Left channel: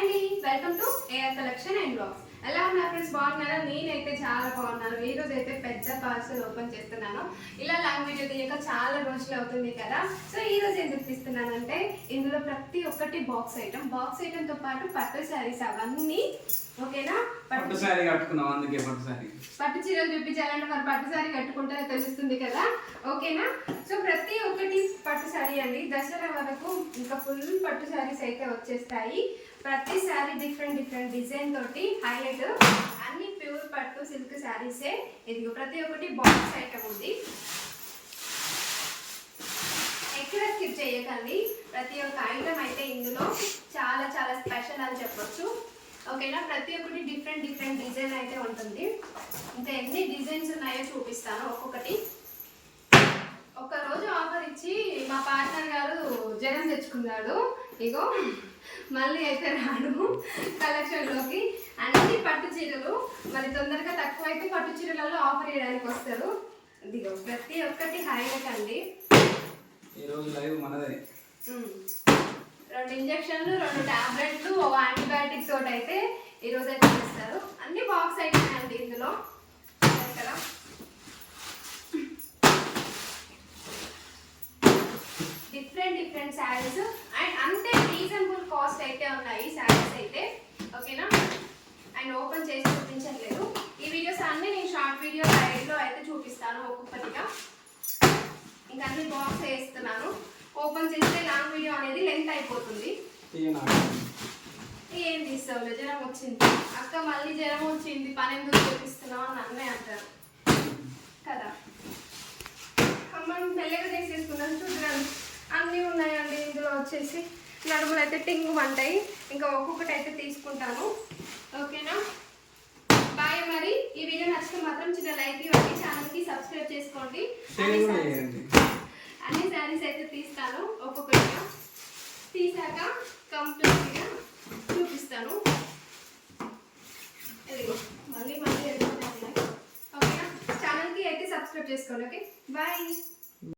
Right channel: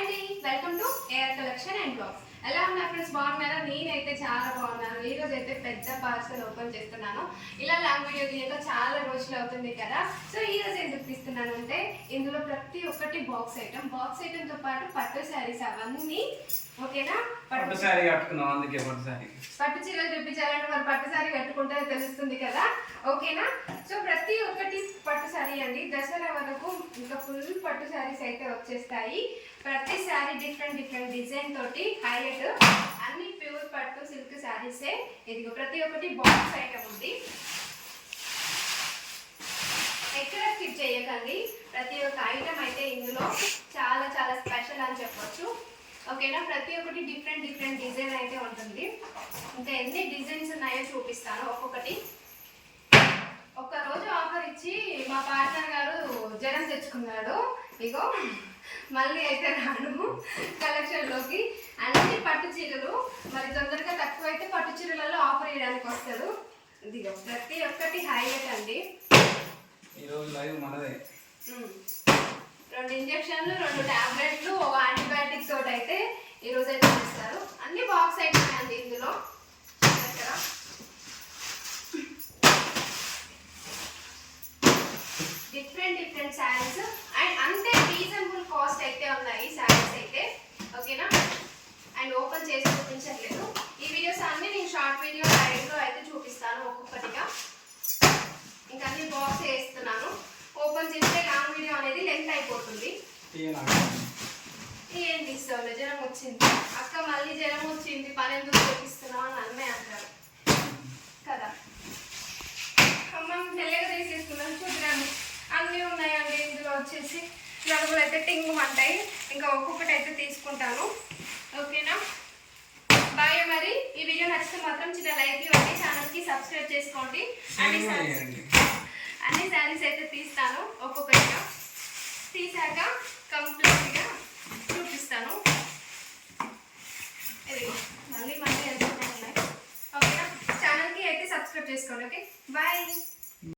అండి. Welcome to AR collection and blogs ఎలా ఉన్నారు ఫ్రెండ్స్ బాగున్నారా? నేనైతే చాలా బాగున్నాను. ఈ రోజు అయితే పెద్ద పార్సల్ ఓపెన్ చేస్తున్నాను. ఇలా లాంగ్ వీడియో తీయక చాలా రోజులు అవుతుంది కదా. సో ఈ రోజు ఎందుకు తీస్తున్నానంటే ఇందులో ప్రతి ఒక్కటి బాక్స్ ఐటమ్ బాక్స్ ఐటమ్తో పాటు పట్టు శారీస్ అవన్నీ ఓకేనా? పట్టు పట్టు శారీ కట్టుకున్నాం అందుకే పట్టు శారీ పట్టు చీరలు చూపించాలంటే మరి పట్టు శారీ కట్టుకుంటే తెలుస్తుంది కదా. ఓకేనా? సో ప్రతి ఒక్కటి పట్టు శారీ అండి. దసరా వరకు ఇంకా ఫుల్ పట్టు శారీస్ అయితే వచ్చేస్తాయి. ప్రతి శారీ డిఫరెంట్ డిఫరెంట్ డిజైన్ తోటి హైలైట్ అన్ని ప్యూర్ పట్టు సిల్క్ శారీసే ఇదిగో ప్రతి ఒక్కటి బాక్స్ ఐటమ్ ఉంది. ఎక్కడ స్కిప్ చేయకండి. ప్రతి ఒక్క ఐటమ్ అయితే ఇందులో చాలా చాలా స్పెషల్ అని చెప్పొచ్చు. ఓకేనా ప్రతి ఒక్కటి డిఫరెంట్ డిఫరెంట్ డిజైన్ అయితే ఉంటుంది. ఇంకా ఎన్ని డిజైన్స్ ఉన్నాయో చూపిస్తాను. ఒక్కొక్కటి. ఒక్క రోజు ఆఫర్ ఇచ్చి మా పార్ట్నర్ గారు జ్వరం తెచ్చుకున్నాడు. ఇగో మళ్ళీ అయితే రాను కలెక్షన్లోకి. అన్ని పట్టు చీరలు మరి తొందరగా తక్కువ అయితే పట్టు చీరలలో ఆఫర్ వేయడానికి వస్తారు. ఇదిగో ప్రతి ఒక్కటి హైలైట్ అండి. రెండు ఇంజక్షన్లు రెండు టాబ్లెట్లు యాంటీబయాటిక్ తోటి అయితే ఈరోజు అయితే ఇస్తారు అన్ని బాక్స్ ఐటమ్ అండి ఇందులో. డిఫరెంట్ శారీస్ అండ్ అంతే రీజనబుల్ కాస్ట్ అయితే ఉన్నాయి శారీస్ అయితే. ఓకేనా అండ్ ఓపెన్ చేసి చూపించట్లేదు. ఈ వీడియోస్ అన్ని నేను షార్ట్ వీడియో సైడ్లో అయితే చూపిస్తాను ఒక్కొక్కటిగా. ఇంకా అన్ని బాక్స్ వేస్తున్నాను. ఓపెన్ చేస్తే లాంగ్ వీడియో అనేది లెంత్ అయిపోతుంది. ఏం తీస్తావులే జ్వరం వచ్చింది. అక్క మళ్ళీ జ్వరం వచ్చింది. పని ఎందుకు చేపిస్తున్నావు అని అన్నయ్య అంటారు. కదా? అమ్మ మెల్లగా తీసేసుకున్నాను చూద్దాం అన్నీ ఉన్నాయండి. ఇందులో వచ్చేసి నడుములు అయితే టింగు అంటాయి ఇంకా ఒక్కొక్కటి అయితే తీసుకుంటాను. ఓకేనా? బాయ్ మరి. ఈ వీడియో నచ్చితే మాత్రం చిన్న లైక్ ఇవ్వండి. ఛానల్కి సబ్స్క్రైబ్ చేసుకోండి. అన్ని అన్ని శారీస్ అయితే తీస్తాను. ఒక్కొక్కటిగా తీసాక కంప్లీట్గా చూపిస్తాను. మళ్ళీ మళ్ళీ ఉన్నాయి. ఓకేనా? ఛానల్కి అయితే సబ్స్క్రైబ్ చేసుకోండి. ఓకే? బాయ్.